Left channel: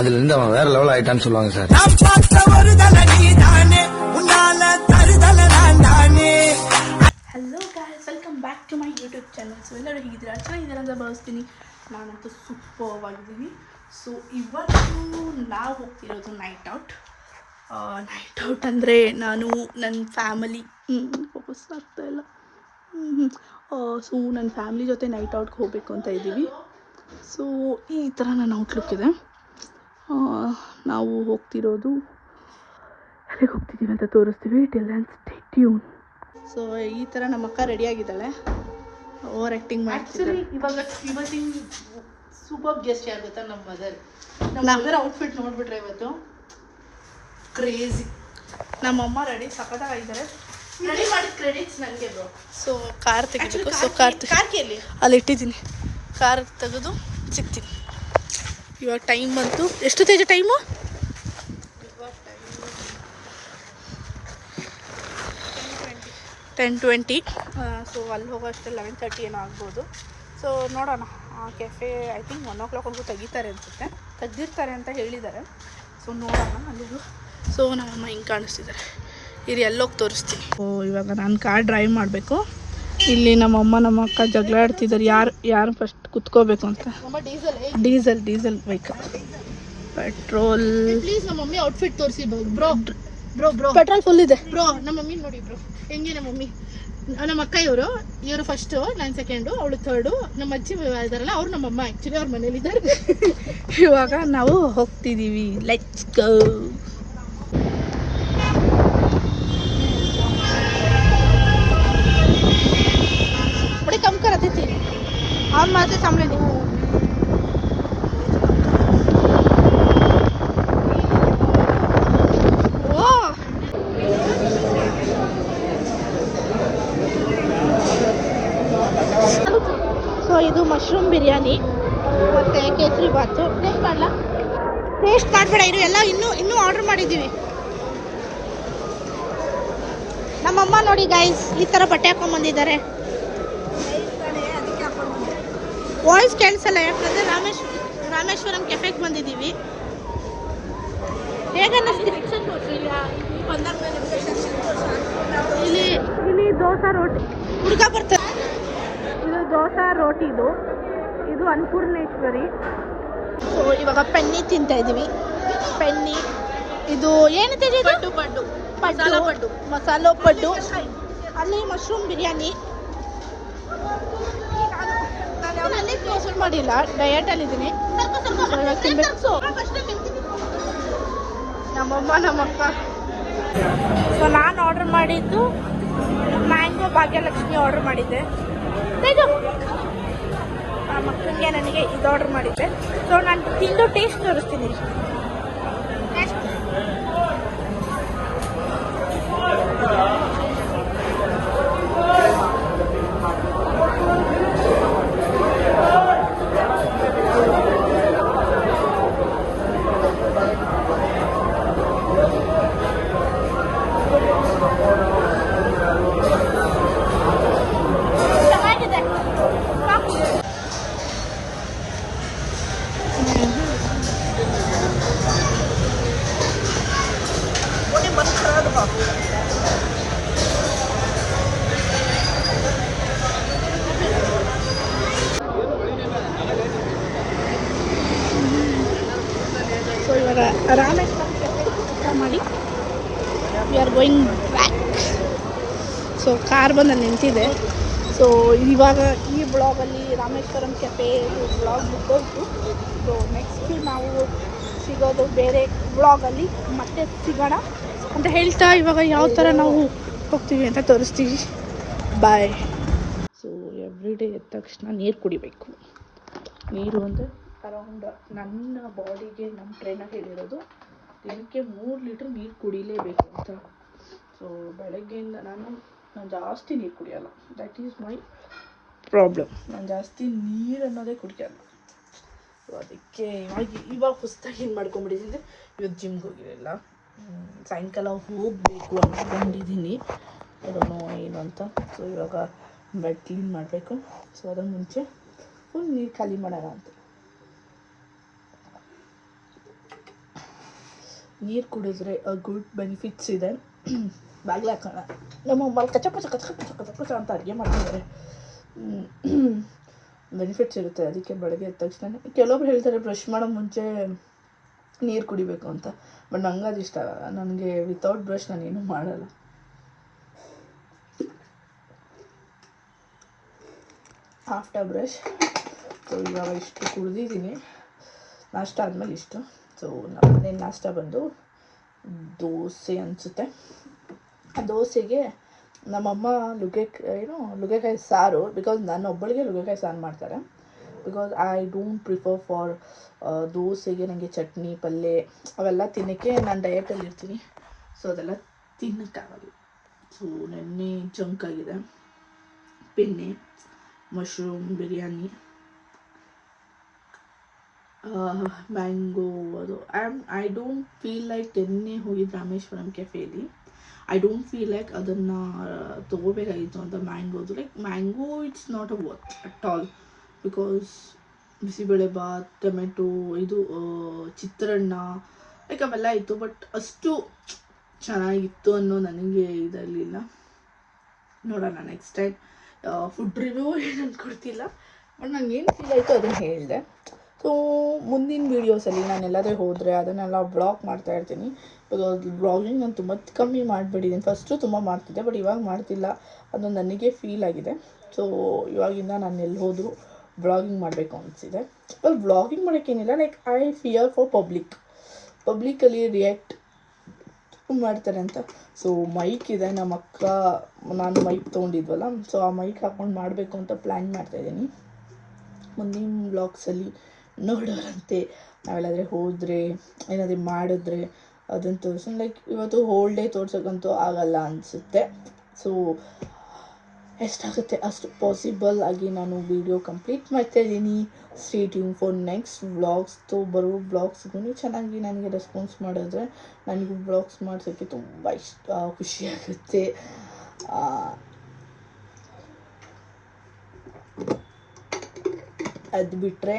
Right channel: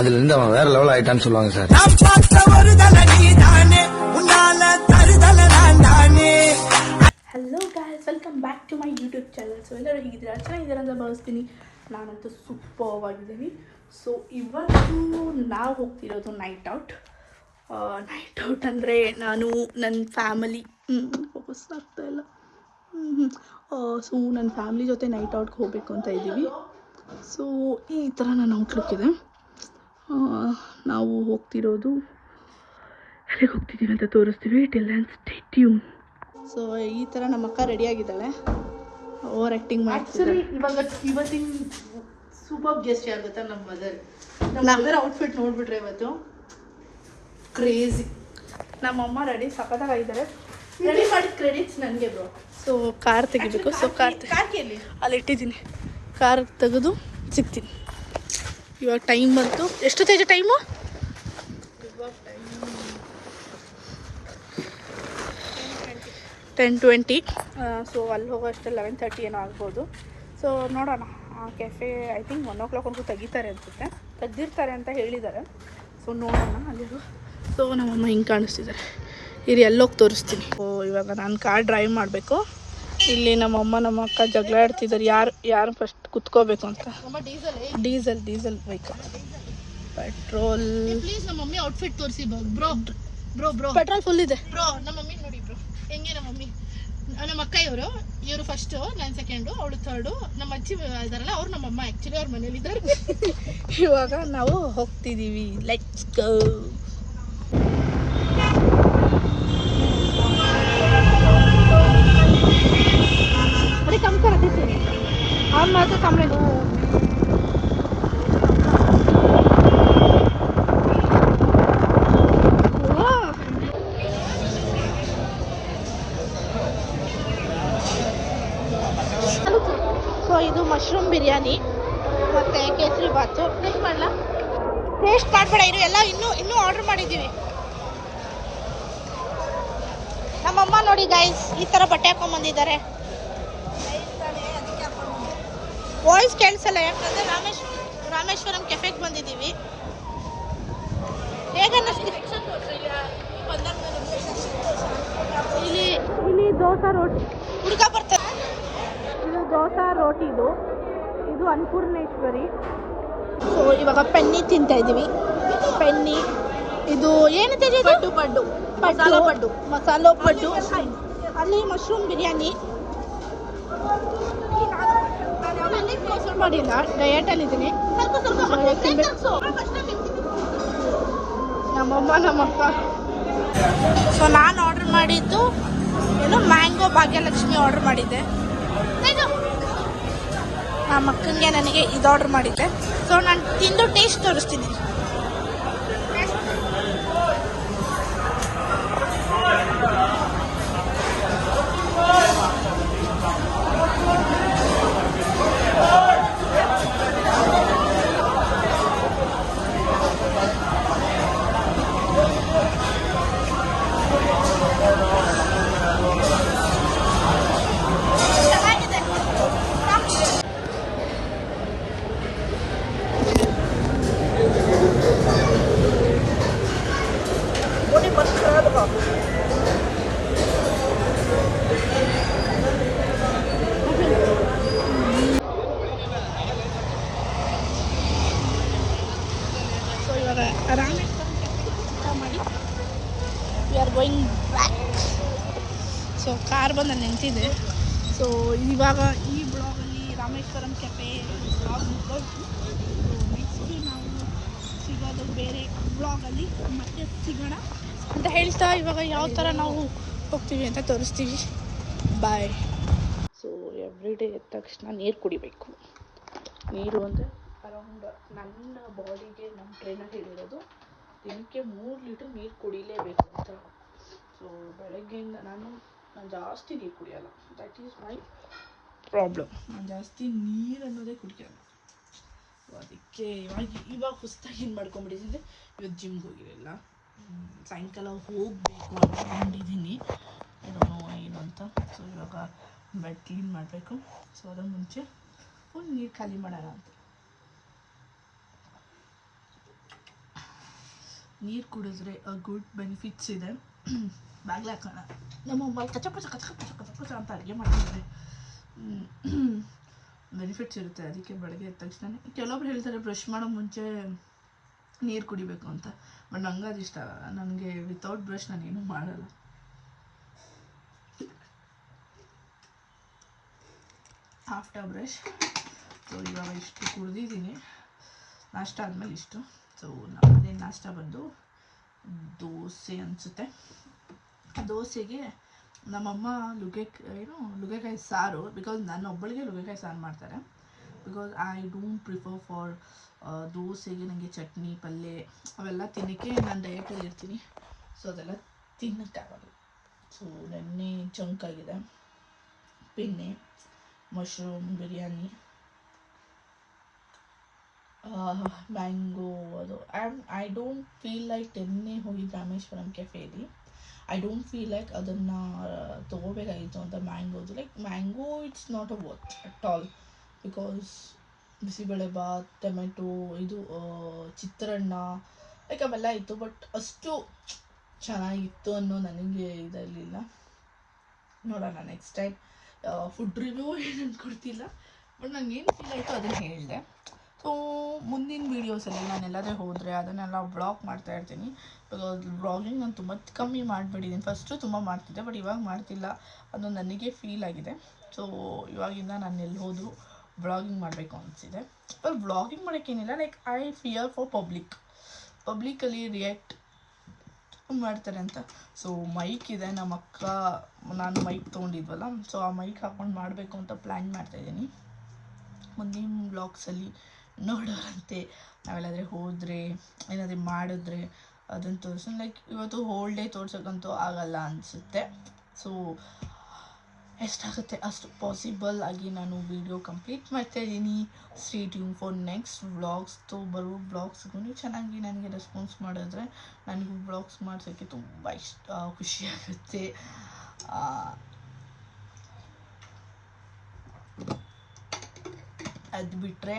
அதுல அவன் வேற லெவல் ஆயிட்டான்னு சொல்லுவாங்க sir. Hello guys, welcome back to my YouTube channel. So ಎಲ್ಲರೂ ಹೀಗಿದ್ದೀರಾ? ಚೆನ್ನಾಗಿದ್ದೀರಾ ಅಂತ ಭಾವಿಸ್ತೀನಿ. ನಾನಂತೂ ಸೂಪರ್ ಆಗಿದ್ದೀನಿ. ಸೊ ಇವತ್ತು ನಾವು ಹೋಗ್ತಿರೋದು ನೈಟ್ ಔಟ್ ಅಂದರೆ ನಾನು ನನ್ನ ಫ್ಯಾಮಿಲಿ ಫೋಕಸ್ ಆಗ್ತಾಯಿಲ್ಲ ಸೊ ನನ್ನ ಫ್ಯಾಮಿಲಿ ಜೊತೆ ನೈಟ್ ಔಟ್ಗೆ ಹೋಗಬೇಕು ಅಂತ ಇದ್ದೀವಿ. ಸೊ ಈ ಥರ ನನ್ನ ಔಟ್ಲುಕ್ ಇದೆ. ನಾವು ಹೋಗ್ತಿರೋದು ಎಲ್ಲಿಗೆ ಹೋಗ್ತಿದ್ದೀವಿ ಅಂತ ತೋರಿಸ್ತೀವಿ. Till then stay tune. So ಈ ಥರ ನಮ್ಮ ಅಕ್ಕ ರೆಡಿಯಾಗಿದ್ದಾಳೆ, ಓವರ್ ಆ್ಯಕ್ಟಿಂಗ್ ಮಾಡ್ತಿದ್ದಾರೆ. ಇವತ್ತಿನ ಸೂಪರ್ ಗೆಸ್ಟ್ ಯಾರು ಗೊತ್ತಾ? ನಮ್ಮ ಮದರ್ ಔಟ್ಫಿಟ್ ನೋಡ್ಬಿಟ್ರೆ ಇವತ್ತು ಕ್ರೇಜಿ. ನಮ್ಮಮ್ಮ ರೆಡಿ ಸಖತ್ತಾಗಿದ್ದಾರೆ. ರೆಡಿ ಮಾಡಿದ ಕ್ರೆಡಿಟ್ಸ್ ನನಗೆ. ಸೊ ಕಾರ್ ತೆಗಿಬೇಕು. ಸೊ ಕಾರ್ ಅಲ್ಲಿ ಇಟ್ಟಿದ್ದೀನಿ. ಕಾರ್ ತೆಗೆದು ಸಿಗ್ತೀನಿ. ಇವಾಗ ಟೈಮ್ ಬಂತು. ಎಷ್ಟು ತೇಜ ಟೈಮು? 10:20. ಸೊ ಅಲ್ಲಿ ಹೋಗೋ ಅಷ್ಟೇ 11:30 ಏನೋ ಆಗ್ಬೋದು. ಸೊ ನೋಡೋಣ. ಆ ಕೆಫೆ ಐ ಥಿಂಕ್ 1 o'clockವರೆಗೂ ತೆಗಿತಾರೆ ಅನಿಸುತ್ತೆ, ತೆಗ್ದಿರ್ತಾರೆ ಅಂತ ಹೇಳಿದ್ದಾರೆ. ಸೊ ನೋಡೋಣ ಅಲ್ಲಿ. ಸೊ ನಮ್ಮಮ್ಮ ಹಿಂಗೆ ಕಾಣಿಸ್ತಿದ್ದಾರೆ. ಇಲ್ಲಿ ಎಲ್ಲೋಗಿ ತೋರಿಸ್ತೀನಿ. ಇವಾಗ ನಾನು ಕಾರ್ ಡ್ರೈವ್ ಮಾಡಬೇಕು. ಇಲ್ಲಿ ನಮ್ಮಮ್ಮ ನಮ್ಮ ಅಕ್ಕ ಜಗಳ ಆಡ್ತಿದ್ದಾರೆ, ಯಾರು ಫಸ್ಟ್ ಕುತ್ಕೋಬೇಕು ಅಂತ. Diesel bike. Petrol please. ನಮ್ಮ ಮಮ್ಮಿ ಔಟ್ಫಿಟ್ ತೋರಿಸಿ ಬ್ರೋ. ಪೆಟ್ರೋಲ್ ಫುಲ್ ಇದೆ ಬ್ರೋ. ನಮ್ಮ ಮಮ್ಮಿ ನೋಡಿ ಬ್ರೋ, ಹೆಂಗೆ ನಮ್ಮ ಮಮ್ಮಿ. ನಮ್ಮ ಅಕ್ಕ ಇವರು ಫಸ್ಟು, ನಾನು ಸೆಕೆಂಡು, ಅವಳು ಥರ್ಡು. ನಮ್ಮ ಅಜ್ಜಿ ಇದಾರಲ್ಲ ಅವ್ರು ನಮ್ಮಮ್ಮ. ಆ್ಯಕ್ಚುಲಿ ಅವ್ರ ಮನೇಲಿದ್ದಾರೆ. ಇವಾಗ ನಾವು ಹೋಗ್ತಿದ್ದೀವಿ. Let's go. बड़ी कम कर रही थी हम मैं सामने ಸೊ ಇದು ಮಶ್ರೂಮ್ ಬಿರಿಯಾನಿ ಮತ್ತು ಕೇಸರಿ ಬಾತು. ಟೇಸ್ಟ್ ಮಾಡಬೇಡ, ಇದು ಎಲ್ಲ ಇನ್ನೂ ಆರ್ಡರ್ ಮಾಡಿದ್ದೀವಿ. ನಮ್ಮಮ್ಮ ನೋಡಿ ಗೈಸ್, ಈ ಥರ ಬಟ್ಟೆ ಹಾಕೊಂಡ್ಬಂದಿದ್ದಾರೆ. ವಾಯ್ಸ್ ಕೇಳಿಸಲ್ಲ, ಯಾಕಂದರೆ ರಾಮೇಶ್ವರಂ ಕೆಫೆಗೆ ಬಂದಿದ್ದೀವಿ. ಇಲ್ಲಿ ದೋಸಾ ರೋಟಿ ಹುಡುಗ ಬರ್ತಾರೆ. ಇದು ದೋಸಾ ರೋಟಿದು, ಇದು ಅನ್ನಪೂರ್ಣೇಶ್ವರಿ. ಸೊ ಇವಾಗ ಪೆನ್ನಿ ತಿಂತಾ ಇದ್ದೀವಿ. ಪೆನ್ನಿ ಇದು ಏನು ತಿಂದಿದ್ದು? ಪಡ್ಡು ಮಸಾಲೋ ಪಡ್ಡು. ಅಲ್ಲಿ ಮಶ್ರೂಮ್ ಬಿರಿಯಾನಿ. ಮಾಡಿಲ್ಲ, ಡಯಟಲ್ಲಿದ್ದೀನಿ. ನಮ್ಮಮ್ಮ ನಮ್ಮಕ್ಕ. ಸೊ ನಾನು ಆರ್ಡರ್ ಮಾಡಿದ್ದು ಮ್ಯಾಂಗೋ ಭಾಗ್ಯಲಕ್ಷ್ಮಿ ಆರ್ಡರ್ ಮಾಡಿದ್ದೆ. ನಮ್ಮ ಅಕ್ಕನಿಗೆ ನನಗೆ ಇದು ಆರ್ಡರ್ ಮಾಡಿದ್ದೆ. ಸೊ ನಾನು ತಿಂದು ಟೇಸ್ಟ್ ತೋರಿಸ್ತೀನಿ. ಸೊ ಇವಾಗ ರಾಮೇಶ್ವರಂ ಕೆಫೆ ಮಾಡಿ we are going back. So car ಬಂದು ಅಲ್ಲಿ ನಿಂತಿದೆ. ಸೊ ಇವಾಗ ಈ ಬ್ಲಾಗಲ್ಲಿ ರಾಮೇಶ್ವರಂ ಕೆಫೆ ಬ್ಲಾಗ್ ಮುಗ್ದೋಯ್ತು. ಸೊ ನೆಕ್ಸ್ಟ್ ನಾವು ಸಿಗೋದು ಬೇರೆ ಬ್ಲಾಗಲ್ಲಿ ಮತ್ತೆ ಸಿಗೋಣ ಅಂತ ಹೇಳ್ತಾ ಇವಾಗ ಯಾವ ಥರ ನಾವು ಹೋಗ್ತೀವಿ ಅಂತ ತೋರಿಸ್ತೀವಿ. ಬಾಯ್. ಸೊ ಎವ್ರಿ ಡೇ ಎದ್ದ ತಕ್ಷಣ ನೀರು ಕುಡಿಬೇಕು. ನೀರು ಅಂದರೆ ಅರೌಂಡ್ ನನ್ನ ಬಾಡಿಗೆ ನಮ್ಮ ಟ್ರೈನರ್ ಹೇಳಿರೋದು ದಿನಕ್ಕೆ 3 ಲೀಟ್ರ್ ನೀರು ಕುಡಿಲೇಬೇಕು ಅಂತ. ಸೊ ಬೆಳಗ್ಗೆಯಿಂದ ನಾನು ಜಾಸ್ತಿ ನೀರು ಕುಡಿಯೋಲ್ಲ. That is my problem. ನಾನು ಜಾಸ್ತಿ ನೀರು ಅನ್ನೋದೇ ಕುಡಿಯೋಲ್ಲ. ಸೊ ಅದಕ್ಕೆ ಇವಾಗ ಹೊಸದಾಗಿ ಏನು ಮಾಡ್ಕೊಂಬಿಟ್ಟಿದ್ದೀನಿ, ಇವತ್ತು ಜಿಮ್ಗೆ ಹೋಗಿರಲಿಲ್ಲ. ಸಾಯಂಕಾಲ ಹೋಗಬೇಕು ಅಂದ್ಕೊಂಡಿದ್ದೀನಿ. ಏನೋ ಏನು ಅಂತ. ಸೊ ಇವಾಗ ಬೆಡ್ ಕ್ಲೀನ್ ಮಾಡಬೇಕು. ಸೊ ಅದರ ಮುಂಚೆ ಫುಲ್ ನೀರು ಖಾಲಿ ಮಾಡೋಣ ಅಂತ. ನೀರು ಕುಡಿದ್ರೆ ಗುಡ್ ಬೆನಿಫಿಟ್ಸ್ ಇದೆ. ಬಾಗ್ಲ ಹಾಕೋಣ. ನಮ್ಮ ಅಮ್ಮ ಕಚ್ಚ ಕಚ್ಚ ಅಂತ ಅಡುಗೆ ಮಾಡ್ತಿದ್ದಾರೆ. ಬೆನಿಫಿಟ್ಸ್ ಇರುತ್ತೆ ಅದಕ್ಕೆ ಬೆಳಗ್ಗೆ ಎದ್ದ ತಕ್ಷಣ. ಕೆಲವೊಬ್ರು ಹೇಳ್ತಾರೆ ಬ್ರಷ್ ಮಾಡೋ ಮುಂಚೆ ನೀರು ಕುಡಿಬೇಕು ಅಂತ, ಬಟ್ ನಂಗೆ ಅದು ಇಷ್ಟ ಆಗಲ್ಲ. ನನಗೆ ವಿತೌಟ್ ಬ್ರಷ್ ನಾನೇನು ಮಾಡಲ್ಲ. After brush. ಸೊ ಇವಾಗ ಇಷ್ಟು ಕುಡ್ದಿದ್ದೀನಿ. ನಾಷ್ಟ ಆದಮೇಲೆ ಇಷ್ಟು. ಸೊ ನಮ್ಮ ಮನೆ ನಾಷ್ಟ ಬಂದು ದೋಸೆ ಅನಿಸುತ್ತೆ. ಆ ದೋಸೆಗೆ ನಮ್ಮಮ್ಮ ನುಗ್ಗೆಕಾಯಿ ಸಾರು, ಬಿಕಾಸ್ ನಾನು ಒಬ್ಬಳಿಗೆ ನುಗ್ಗೆಕಾಯಿ ಸಾರು ಮಾಡ್ತಾರೆ. Because I don't prefer for ದೋಸೆಗೆ ನನಗೆ ಚಟ್ನಿ ಪಲ್ಯ ಅವೆಲ್ಲ ತಿನ್ನೋಕ್ಕೆ ನಾನು ಡಯಟಲ್ಲಿ ಇರ್ತೀನಿ. ಸೊ ಅದೆಲ್ಲ ತಿನ್ನೋಕ್ಕಾಗಲ್ಲ. ಸೊ ನೆನ್ನೆ ಜಂಕ್ ಆಗಿದೆ. Penne, mushroom biryani, mango. ಅದು ಐ ಡೋಂಟ್ ಫೀಲ್ ಲೈಕ್ ನಿನ್ನೆ ಹೋಗಿದ್ದು ರಾಮೇಶ್ವರಂ ಕೆಫೇಲಿ. ಐ ಡೋಂಟ್ ಫೀಲ್ ಲೈಕ್ ಅದನ್ನು ತೊಗೋಬೇಕಾಗಿತ್ತು ಅಂತ ಮ್ಯಾಂಗೋದು. Like mango it's not a worth at all, because bisibele bath, tomato, ಇದು ಚಿತ್ರಾನ್ನ ಲೈಕ್ ಅವೆಲ್ಲ ಇತ್ತು. ಬಟ್ ಅಷ್ಟು ಚೆನ್ನಾಗಿತ್ತು ಅನ್ನೋ ನನಗೆ ಇದರಲಿಲ್ಲ. ನೋಡೋಣ ನೆಕ್ಸ್ಟ್ ಟೈಮ್. ಫುಡ್ ರಿವ್ಯೂ ಏನು ಅಂದ್ಕೊಡ್ತಿಲ್ಲ, ಬಟ್ ನಂಗೆ ಏನು ಫೀಲ್ ಆಯಿತು ಅದನ್ನು ಹೇಳಿದೆ. ಸೊ ಮುಂದಿನ ವೀಡಿಯೋಸಲ್ಲಿ ನಾನು ಎಲ್ಲಾದರೂ ಹೋದರೆ ಅದನ್ನೆಲ್ಲ ಬ್ಲಾಗ್ ಮಾಡ್ತಾಯಿರ್ತೀನಿ. ಬಿಕಾಸ್ ಬ್ಲಾಗಿಂಗ್ ನಾನು ತುಂಬ ಕಮ್ಮಿ ಮಾಡಿಬಿಟ್ಟಿದ್ದೀನಿ. ಫಸ್ಟು ತುಂಬ ಮಾಡ್ತಿದ್ದೆ, ಬಟ್ ಇವಾಗ ಮಾಡ್ತಿಲ್ಲ. ಅದು ನನಗೆ ಫೀಲ್ ಆಗಿದೆ. ಸೊ ಇವಾಗಿಂದ ನಾನು ಎಲ್ಲಿ ಹೋದರೂ ಬ್ಲಾಗಿಂಗ್ ಮಾಡಬೇಕು ಅನಿಸಿದೆ. ಬ್ಲಾಗಿಂಗ್ ಮಾಡೋಕ್ಕೇನಿಲ್ಲ, like I fear for publicly react ಮಾಡ್ತಾರೆ ಅಂತ. ಸೊ ಮೈಕ್ ಇದೆ, ನಮ್ಮ ಅಕ್ಕ ನಾನು ಮೈಕ್ ತೊಗೊಂಡಿದ್ವಲ್ಲ, ಸೊ ಆ ಮೈಕ್ ಹಾಕ್ಕೊಂಡು ಮಾಡಬೇಕು ಅಂತ ಪ್ಲ್ಯಾನ್ ಮಾಡ್ತಾಯಿದ್ದೀನಿ. ಮುಂದಿನ ಬ್ಲಾಗ್ಸಲ್ಲಿ ನೋಡೋರಂತೆ. ನಾವೆಲ್ಲಾದರೆ ಹೋದರೆ ಏನಾದರೂ ಮಾಡಿದ್ರೆ ಅದನ್ನು ತೋರಿಸೋಣ. ಲೈಕ್ ಇವತ್ತು ಹೋಲ್ ಡೇ ತೋರ್ಸೋಕ್ಕಂತೂ ಆಗಲ್ಲ ಅನಿಸುತ್ತೆ. ಸೊ ಎಷ್ಟಾಗುತ್ತೆ ಅಷ್ಟು ಪಾಸಿಬಲ್ ಆಗಿ ನಾನು ವೀಡಿಯೋ ಕಂಪ್ಲೀಟ್ ಮಾಡ್ತಾಯಿದ್ದೀನಿ. Stay tune for next vlogs. ಬರೋ ವ್ಲಾಗ್ಸ್ಗೂ ಚೆನ್ನಾಗಿ ನನಗೆ ರೆಸ್ಪಾನ್ಸ್ ಮಾಡಿದ್ರೆ ನನಗೂ ವ್ಲಾಗ್ಸ್ ಮಾಡ್ಸೋಕ್ಕೆ ತುಂಬ ಖುಷಿಯಾಗುತ್ತೆ. ಅದು ಬಿಟ್ಟರೆ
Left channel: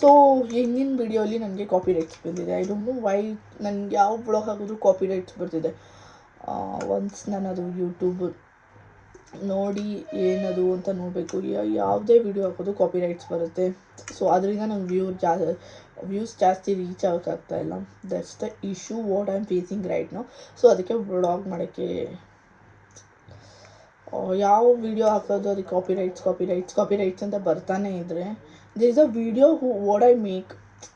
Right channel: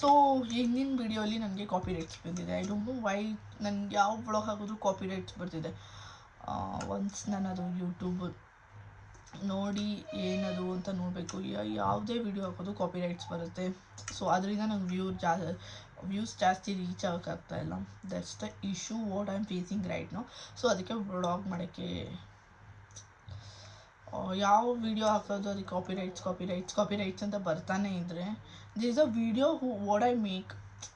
ಸೊ ಹಿಂದಿನ ವೀಡಿಯೋಲಿ ನನಗೆ ಕಾಪಿ ರೈಟ್ಸ್ ಬಂದಿದೆ. ಐ ಡೋಂಟ್ ನೋ ವೈ ನನಗೆ ಯಾವ ಬ್ಲಾಗ್ ಹಾಕಿದ್ರು ಕಾಪಿ ರೈಟ್ಸ್ ಬರ್ತಿದೆ. ಒನ್ಸ್ ನಾನು ಅದು ಯೂಟ್ಯೂಬ್ ನೋಡಿ ಏನದು ಅಂತ ನೋಡಬೇಕು. ಯಾವುದೇ ವಿಡಿಯೋ ಹಾಕೋದು ಕಾಪಿ ರೈಟ್ಸ್ ಬರುತ್ತೆ. ಸೊ ಅದರಿಂದ ನಂಗೆ ವ್ಯೂಸ್ ಜಾಸ್ತಿ ರೀಚ್ ಆಗೋಕ್ಕಾಗ್ತಾಯಿಲ್ಲ. That's the issue what I am facing right now. So ಅದಕ್ಕೆ ಬ್ಲಾಗ್ ಮಾಡೋಕ್ಕೆ ಯಾವ ವಿಡಿಯೋ ಹಾಕೋದು ಅದಕ್ಕೆ ಕಾಪಿ ರೈಟ್ಸ್ ಅಂತ ಬರ್ತಾನೆ ಇದ್ದರೆ this is a video what I make.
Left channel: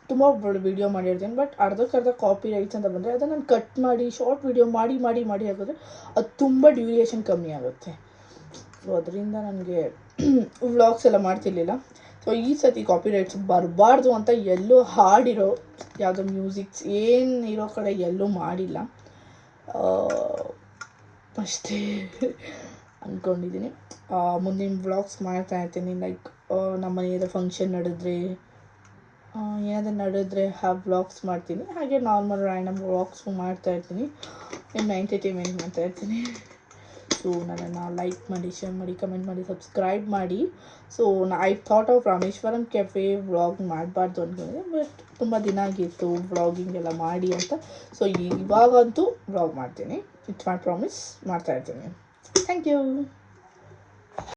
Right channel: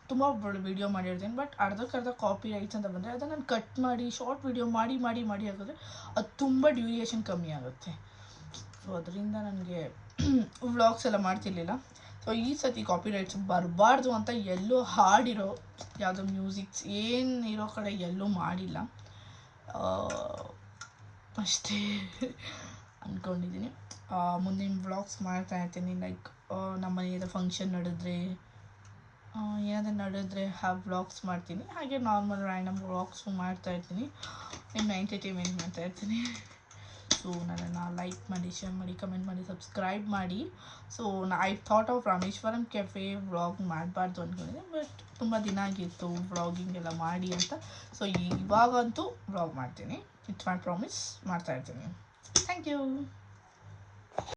ತುಂಬ ವಿಡಿಯೋ ಮಾಡಿರ್ತೀನಿ, ಬಟ್ ಅರ್ಧಕ್ಕರ್ಧ ಕಾಪಿ ರೈಟ್ಸ್ ಅಂತ ಬಂದರೆ ಅದನ್ನು ನಾನು ಕಟ್ ಮಾಡಿ ಶಾರ್ಟ್ ವಿಡಿಯೋ ಮಾಡಿ ಹಾಕಿದ್ರೆ ಅದು ತುಂಬ ಡ್ಯೂರೇಷನ್ ಕಮ್ಮಿ ಆಗುತ್ತೆ. ಸೊ ಅದರಿಂದ ನನಗೆ ವ್ಲಾಗ್ಸ್ ಎಲ್ಲ ಮಾಡ್ತಿರ್ಲಿಲ್ಲ. ಸೊ ಈ ಸತಿ ಕಾಪಿ ರೈಟ್ಸ್ ಬರಬಾರ್ದು ಅಂತ ಎಲ್ಲೂ ಹಾಡಿರೋ ಯಾವುದೋ ಮ್ಯೂಸಿಕ್ಸ್ ಏನಿರೋ ಕಡೆ ಎಲ್ಲೂ ಮಾಡಿಲ್ಲ ಅಷ್ಟೇ ಅಂದ್ಕೊಂಡಿದ್ದೀನಿ. ಮುಂದಿನ ವ್ಲಾಗ್ಸ್ ಮಾಡ್ತಾಯಿರ್ತೀನಿ. ಲೈಕ್ ನಮ್ಮ ಮನೆಯದ ಫಂಕ್ಷನ್ ನಡೆದ್ರೆ ಏನಾದರೂ ವ್ಲಾಗ್ಸ್ ಮಾಡ್ತೀನಿ. ಹಾಗೆ ನಾರ್ಮಲ್ ರ್ಯಾಂಡಮ್ ವ್ಲಾಗ್ಸು ಮಾಡ್ತಾಯಿರ್ತೀನಿ. ನಿಮ್ಮ ಎಂಟರ್ಟೈನ್ಮೆಂಟ್ ಮಾಡ್ತಾಯಿರ್ತೀನಿ. ಸೊ ನನ್ನನ್ನು ಲೈಕ್ ಮಾಡಿ, ಶೇರ್ ಮಾಡಿ, ಕಮೆಂಟ್ ಮಾಡಿ, ಸಬ್ಸ್ಕ್ರೈಬ್ ಮಾಡಿ. So I thought of Rameshwaram cafe vlog ಮಾಡಬಾರ್ದು ಅಂದ್ಕೊಂಡಿದ್ದೆ, ಬಟ್ ತುಂಬ ದಿನ ಆಗಿತ್ತು ವ್ಲಾಗಿಂಗ್ ಎಲ್ಲ ಮಾಡಿ ಅಂತ. ಸೊ ಇವಾಗಂತೂ ವ್ಲಾಗ್ ಮಾಡ್ತೀನಿ. ಇಟ್ಸ್ ಮೈ ಪ್ರಾಮಿಸ್, ಮಾಡ್ತಾಯಿರ್ತೀನಿ. Thank you.